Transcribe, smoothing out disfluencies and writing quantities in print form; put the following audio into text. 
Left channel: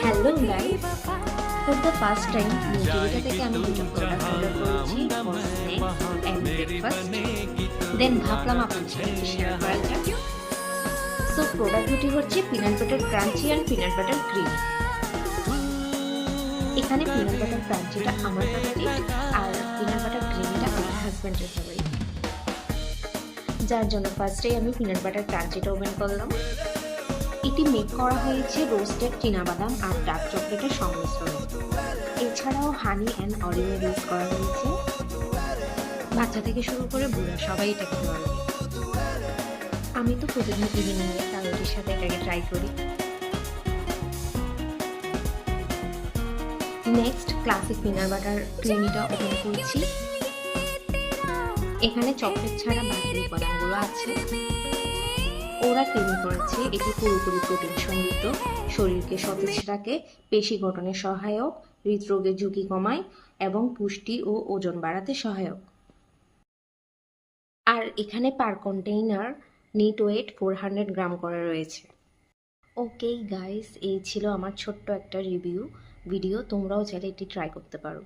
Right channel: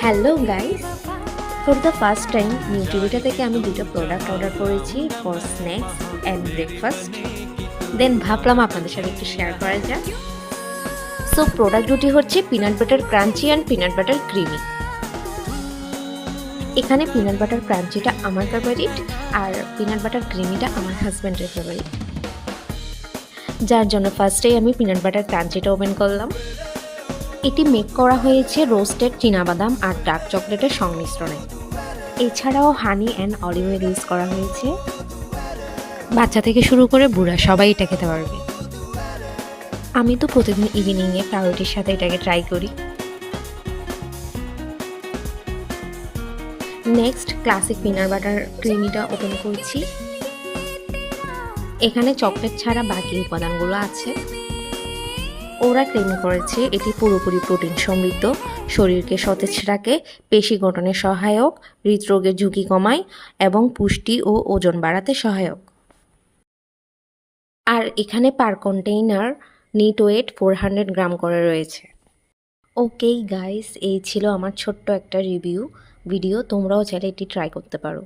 Hello guys, for the first time নিউটিভিটা থেকে আমি দুটো প্রোডাক্ট অর্ডার করেছি for snacks and breakfast. Then ভাবলাম আপনাদের সাথে একটু শেয়ার করা যাক। সো প্রোডাক্ট দুটি হচ্ছে peanut butter crunchy and peanut butter creamy. এখানে পিনাট বাটার ক্রাঞ্চিটা আমার ফেভারিট আর পিনাট বাটার ক্রিমিটা আমার হাজব্যান্ডের ফেভারিট, যার জন্য ফার্স্টেই আমি পিনাট বাটার ক্রাঞ্চিটা ওপেন করলাম। এটি মেক করা হয়েছে রোস্টেড চীনাবাদাম আর ডার্ক চকলেটের সংমিশ্রণে। এছাড়াও হানি অ্যান্ড অলিভ অয়েল ইউজ করা হয়েছে। বাচ্চা থেকে শুরু করে বুড়া সবাই এটা খেতে পারবে। আমি তো প্রতিদিন ইভিনিংয়ে পাউরুটির সাথে এটাকে ট্রাই করি। নেক্সট ক্লাসিক পিনাট বাটার ক্রিমিটা ওপেন করছি। এখানে চকলেট ছাড়া বাকি উপাদানগুলো আছে। ওরা ক্লেম করেছে এটি পুরোপুরি প্রোটিন সমৃদ্ধ, শরীরকে সতেজ রাখে, পেশি গঠনে সহায়ক, হৃদরোগের ঝুঁকি কমায় এবং পুষ্টি ও ওজন বাড়াতে সহায়ক। আর এখানে পার কন্টেইনার নিট ওয়েট 400 গ্রাম করে রয়েছে। ওকে গাইস, এই ছিল আমার ছোট্ট একটা রিভিউ ভিডিও। তোমরাও চাইলে এটি ট্রাই করতে পারো।